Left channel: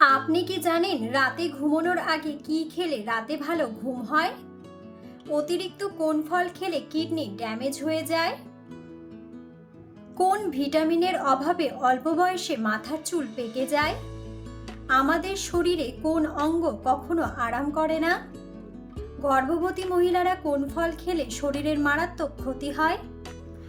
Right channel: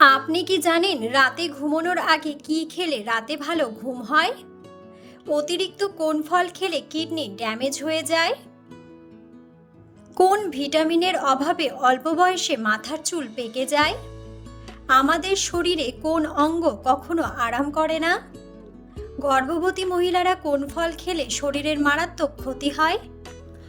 আপনি কি জানেন রাতে ঘুমানোর আগে কি খেলে রাতে ভালো ঘুম হয়? অতিরিক্ত কোন ফল খেলে কিডনি ড্যামেজ হয়ে যায়? কোন ভিটামিনের অভাবে অল্প বয়সে মাথার চুল পেকে যায়? আমাদের শরীরে কোন অঙ্গ কখনো আরাম করে না? গর্ভবতী মহিলারা কোন ফল খেলে শরীরের মারাত্মক ক্ষতি হয়?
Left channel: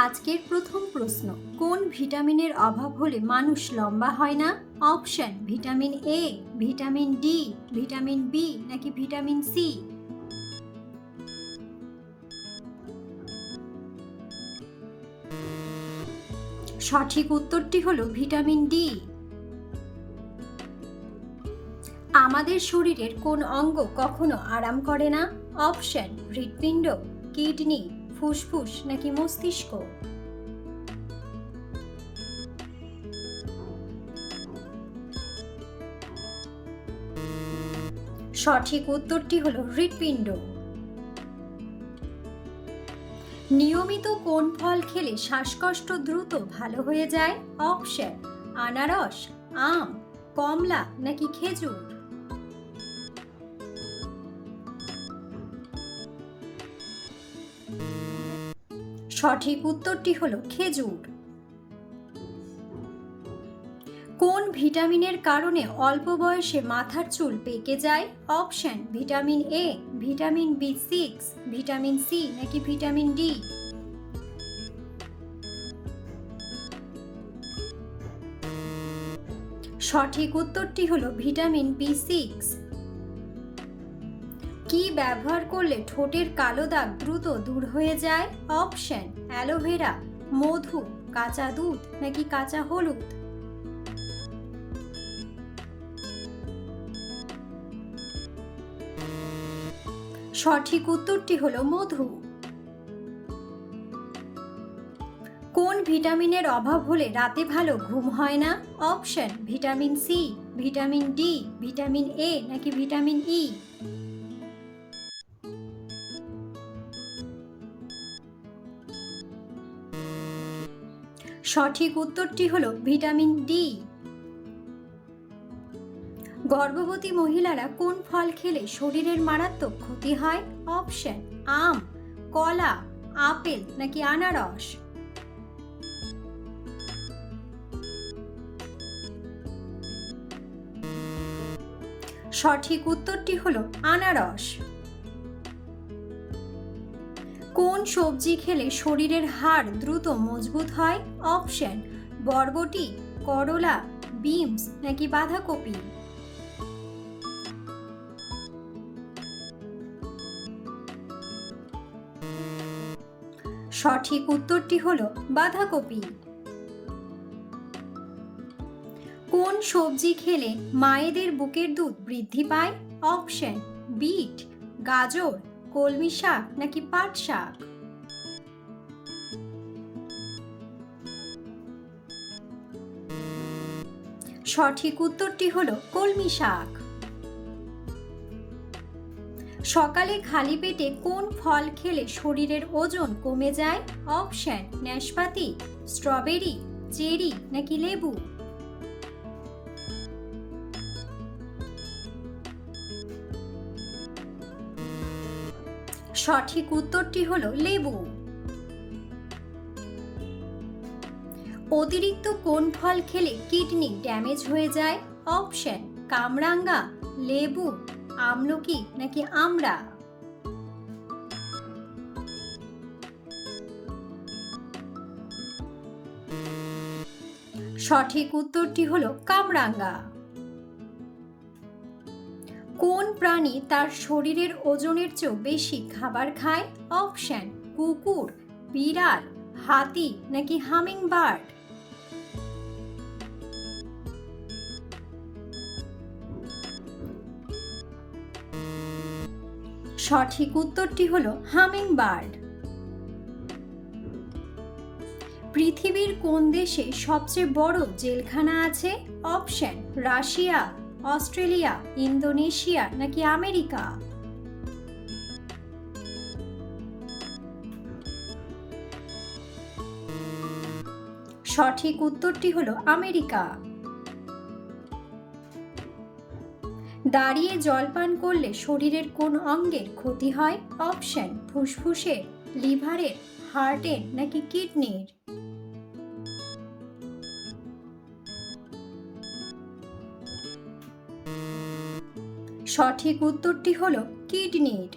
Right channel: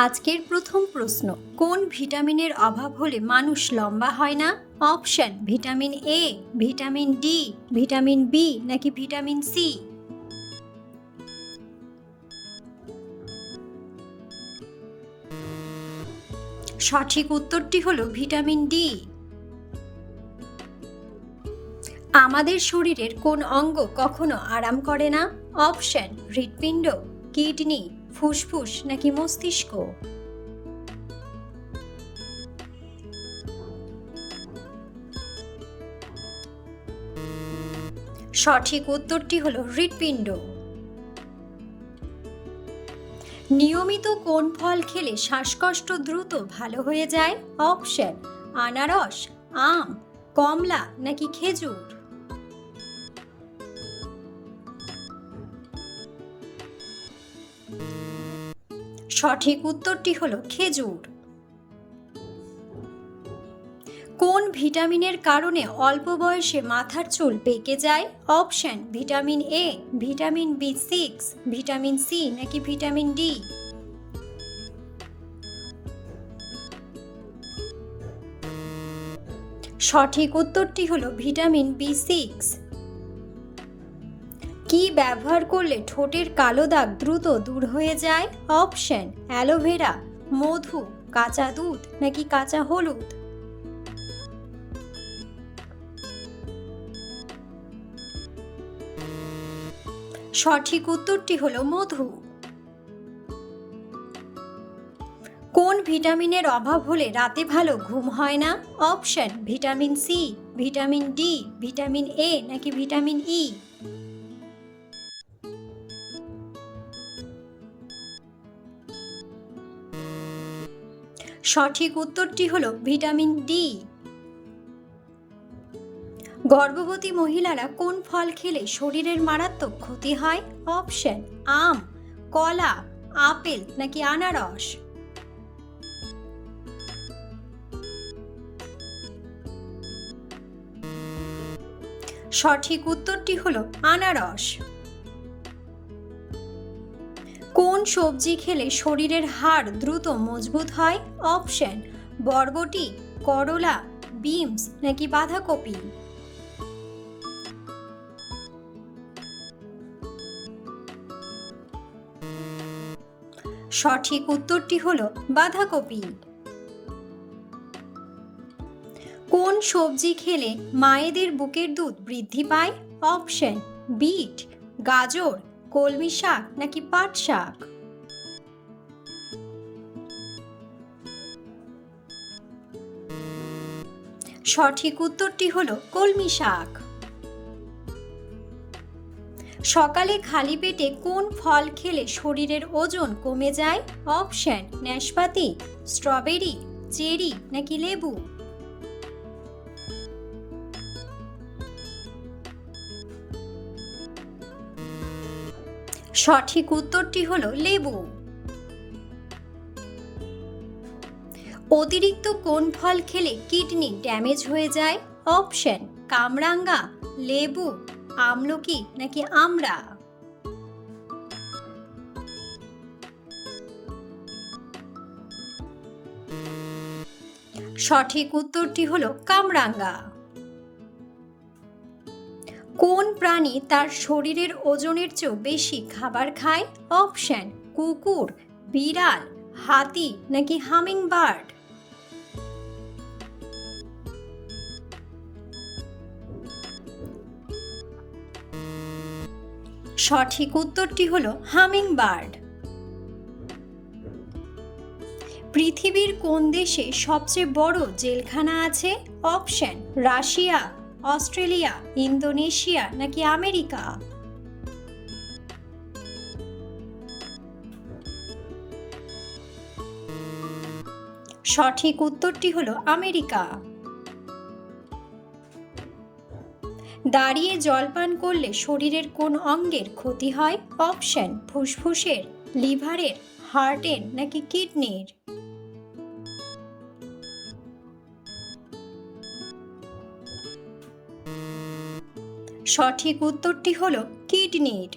আজকের প্রথম প্রশ্ন, কোন ভিটামিনের অভাব হলে মানুষ লম্বা হয় না? Option, vitamin A vitamin D vitamin B নাকি ভিটামিন সি সঠিক উত্তরটি হলো ভিটামিন ডি আমাদের শরীরের কোন অঙ্গ কখনো আরাম করে না? অপশন, হৃৎপিণ্ড, কিডনি। ফুসফুস নাকি মস্তিষ্ক? সঠিক উত্তরটি হল হৃৎপিণ্ড। নিয়মিত কোন ফল খেলে শ্বাসকষ্ট দ্রুত ভালো হয়ে যায়? অপশন, আনারস, আম, কমলা নাকি খেজুর? সঠিক উত্তরটি হলো খেজুর। কোন ভিটামিনের কারণে অল্প বয়সে মাথার চুল পেকে যায়? Option, vitamin A vitamin B six vitamin C নাকি ভিটামিন ডি সঠিক উত্তরটি হলো ভিটামিন বি সিক্স কি ব্যবহার করলে ঠোঁটের কালো দাগ দ্রুত দূর হয়ে যায়? অপশন, অ্যালোভেরা, মধু, কাঁচা দুধ নাকি কাঁচা হলুদ? সঠিক উত্তরটি হলো মধু। কোন ভিটামিনের অভাব হলে রাতে ভালো ঘুম হয় না? Option, vitamin C, vitamin D, vitamin A নাকি ভিটামিন ই? সঠিক উত্তরটি হলো ভিটামিন ডি গর্ভবতী মহিলারা কোন ফল খেলে শরীরের মারাত্মক ক্ষতি হয়? অপশন, আম, কলা, আপেল নাকি আনারস? সঠিক উত্তরটি হলো আনারস। কোন সবজি খেলে শরীরের হাড় দ্রুত মজবুত হয়? অপশন, বরবটি, করলা বিমস নাকি বাঁধাকপি? সঠিক উত্তরটি হলো বাঁধাকপি। কোন সবজি খেলে মায়েদের বুকের দুধ বৃদ্ধি পায়? অপশন, বিট, গাজর কলমি শাক নাকি পাট শাক? সঠিক উত্তরটি হলো কলমি শাক। সকালে খালি পেটে কোন ফল খেলে শরীরের ওজন কমে যায়? অপশন, নাশপাতি, স্ট্রবেরি, চেরি নাকি লেবু? সঠিক উত্তরটি হলো লেবু। অতিরিক্ত কোন ফল খেলে কিডনি ড্যামেজ হয়ে যায়? অপশন, কামরাঙ্গা, লেবু, আমলকি নাকি আমড়া? সঠিক উত্তরটি হলো কামরাঙ্গা। কোন প্রাণী তার শরীরের ওজনের চেয়েও বেশি খাবার খায়? অপশন, কুকুর, বিড়াল, হাতি নাকি হামিং বার্ড সঠিক উত্তরটি হলো হামিং বার্ড পৃথিবীর কোন দেশে সবচেয়ে বড় জেলখানা আছে? Option, Russia. অস্ট্রেলিয়া, ইন্দোনেশিয়া নাকি আমেরিকা? সঠিক উত্তরটি হলো আমেরিকা। দাঁড়িয়ে জলপান করলে শরীরের কোন অঙ্গের ক্ষতি হয়? অপশন, ফুসফুসের, লিভারের, হার্টের নাকি কিডনির? সঠিক উত্তরটি হলো কিডনির।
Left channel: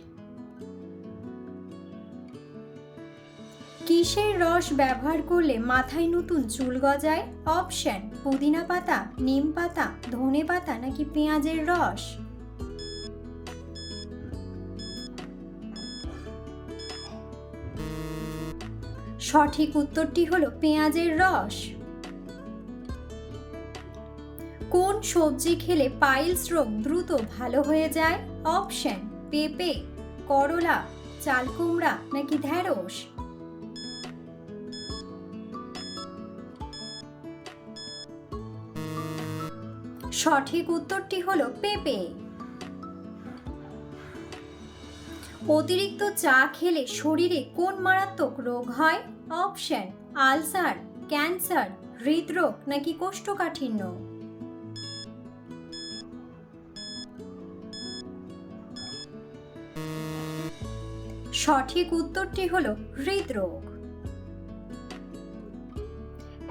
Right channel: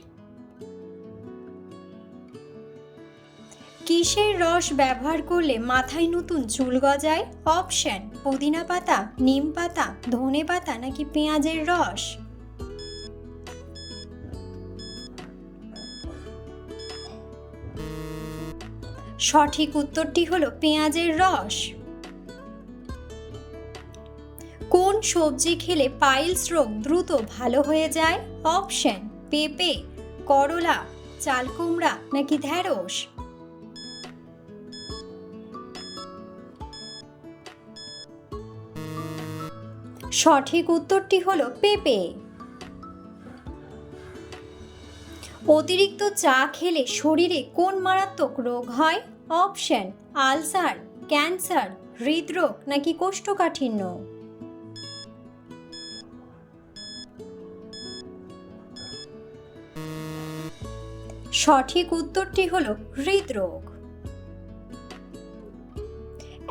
কিসের রস ব্যবহার করলে মাথায় নতুন চুল গজায়? অপশন, পুদিনা পাতা, নিম পাতা, ধনে পাতা নাকি পেঁয়াজের রস? সঠিক উত্তরটি হলো পেঁয়াজের রস। কোন সবজি খেলে পাইলস রোগ দ্রুত ভালো হয়ে যায়, অপশন পেঁপে, করলা চাল কুমড়া নাকি ঢ্যাঁড়স সঠিক উত্তরটি হলো পেঁপে। অতিরিক্ত চা খেলে শরীরে কোন মারাত্মক রোগ হয়? অপশন আলসার, ক্যান্সার, হৃদরোগ নাকি কোষ্ঠকাঠিন্য? সঠিক উত্তরটি হল হৃদরোগ।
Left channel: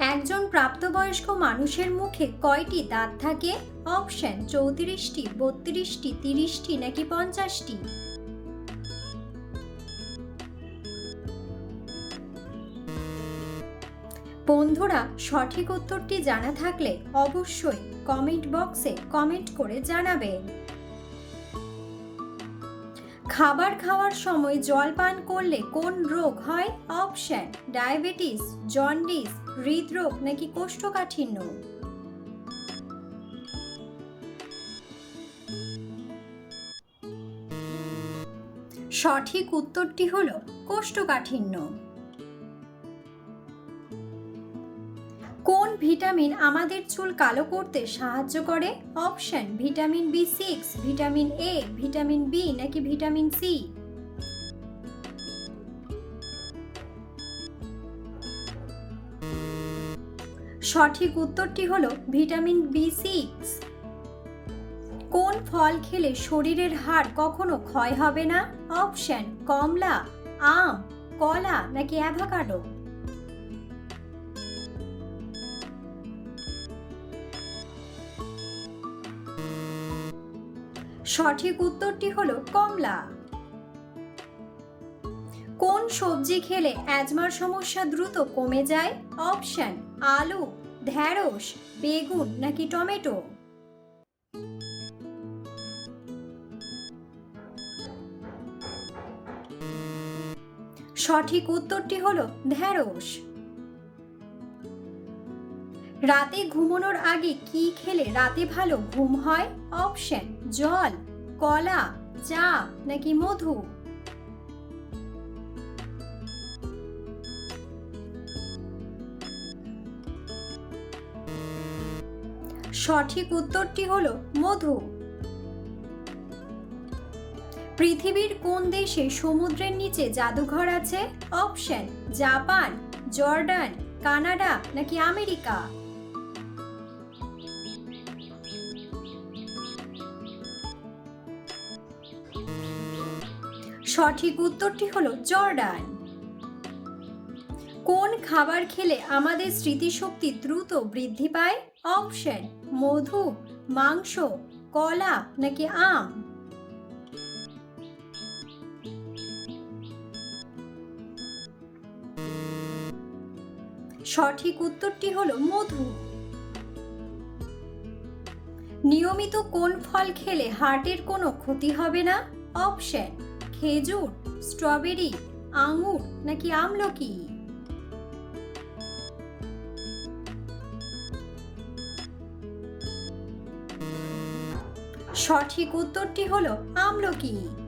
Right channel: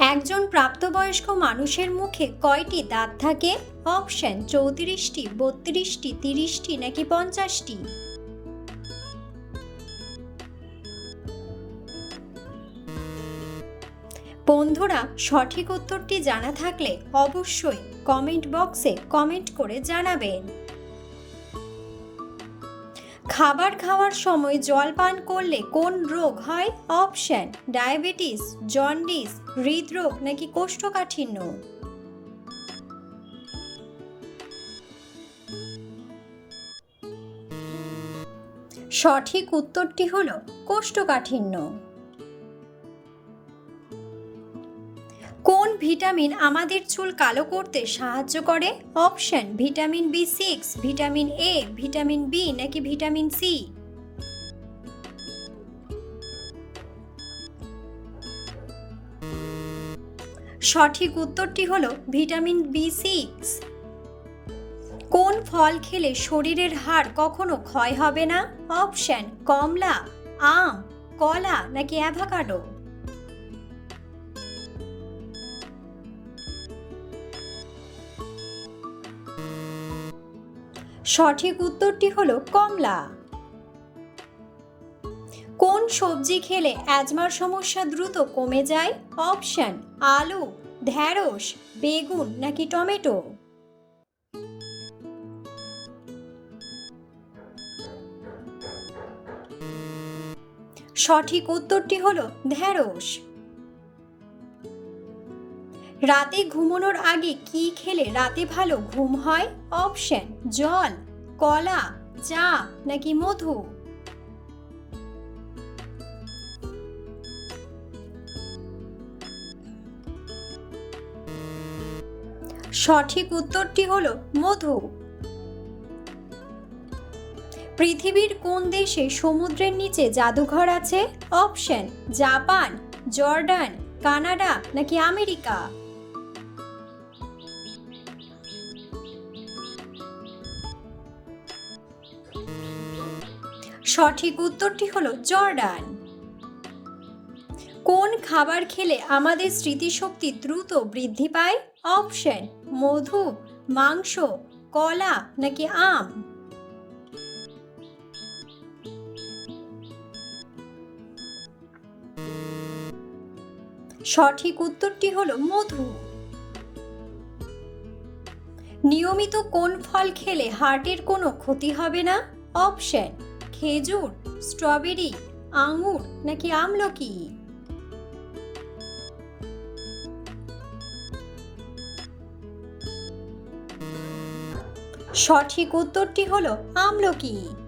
একজন প্রাপ্তবয়স্ক মানুষের মুখে কয়টি দাঁত থাকে? অপশন চৌত্রিশটি, বত্রিশটি, তিরিশটি নাকি পঞ্চাশটি? বন্ধুরা, সঠিক উত্তরটি জানা থাকলে অবশ্যই কমেন্ট বক্সে কমেন্ট করে জানাবেন। খাবার খাওয়ার সময় জল পান করলে কোন রোগ হয়? অপশন, ডায়াবেটিস, জন্ডিস, হৃদরোগ নাকি কোষ্ঠকাঠিন্য? সঠিক উত্তরটি হল কোষ্ঠকাঠিন্য। ভিটামিন আমাদের চুল কালো করতে সাহায্য করে? Option, vitamin B six, vitamin A, vitamin B নাকি ভিটামিন সি? সঠিক উত্তরটি হলো ভিটামিন বি সিক্স। কোন ফল খেলে শরীরের হাড় কখনো ক্ষয় হবে না? অপশন, কমলা, আম, কলা নাকি অ্যাভাকাডো? সঠিক উত্তরটি হলো কমলা। কোন সবজি খেলে অ্যাজমার সমস্যা দ্রুত কমে যায়? অপশন, আলু, ঢ্যাঁড়স, বেগুন নাকি টমেটো? সঠিক উত্তরটি হলো ঢ্যাঁড়স। রাতে ঘুমানোর আগে কি খেলে রাতে ভালো ঘুম হয়? অপশন জল, কলা, চা নাকি মধু? সঠিক উত্তরটি হলো মধু। পৃথিবীর কোন দেশে সমুদ্রের নিচে জাদুঘর আছে? অপশন, জাপান, জর্ডান, কানাডা নাকি আমেরিকা? সঠিক উত্তরটি হলো জর্ডান। কোন খাবার খেলে আমাদের স্মৃতিশক্তি দ্রুত বৃদ্ধি পায়? অপশন, মধু, মাংস, কলা নাকি আম? সঠিক উত্তরটি হলো মধু। নিয়মিত কোন ফল খেলে হার্টের কোনো ক্ষতি হবে না? অপশন খেজুর স্ট্রবেরি আঙুর নাকি আমলকি? সঠিক উত্তরটি হলো আমলকি।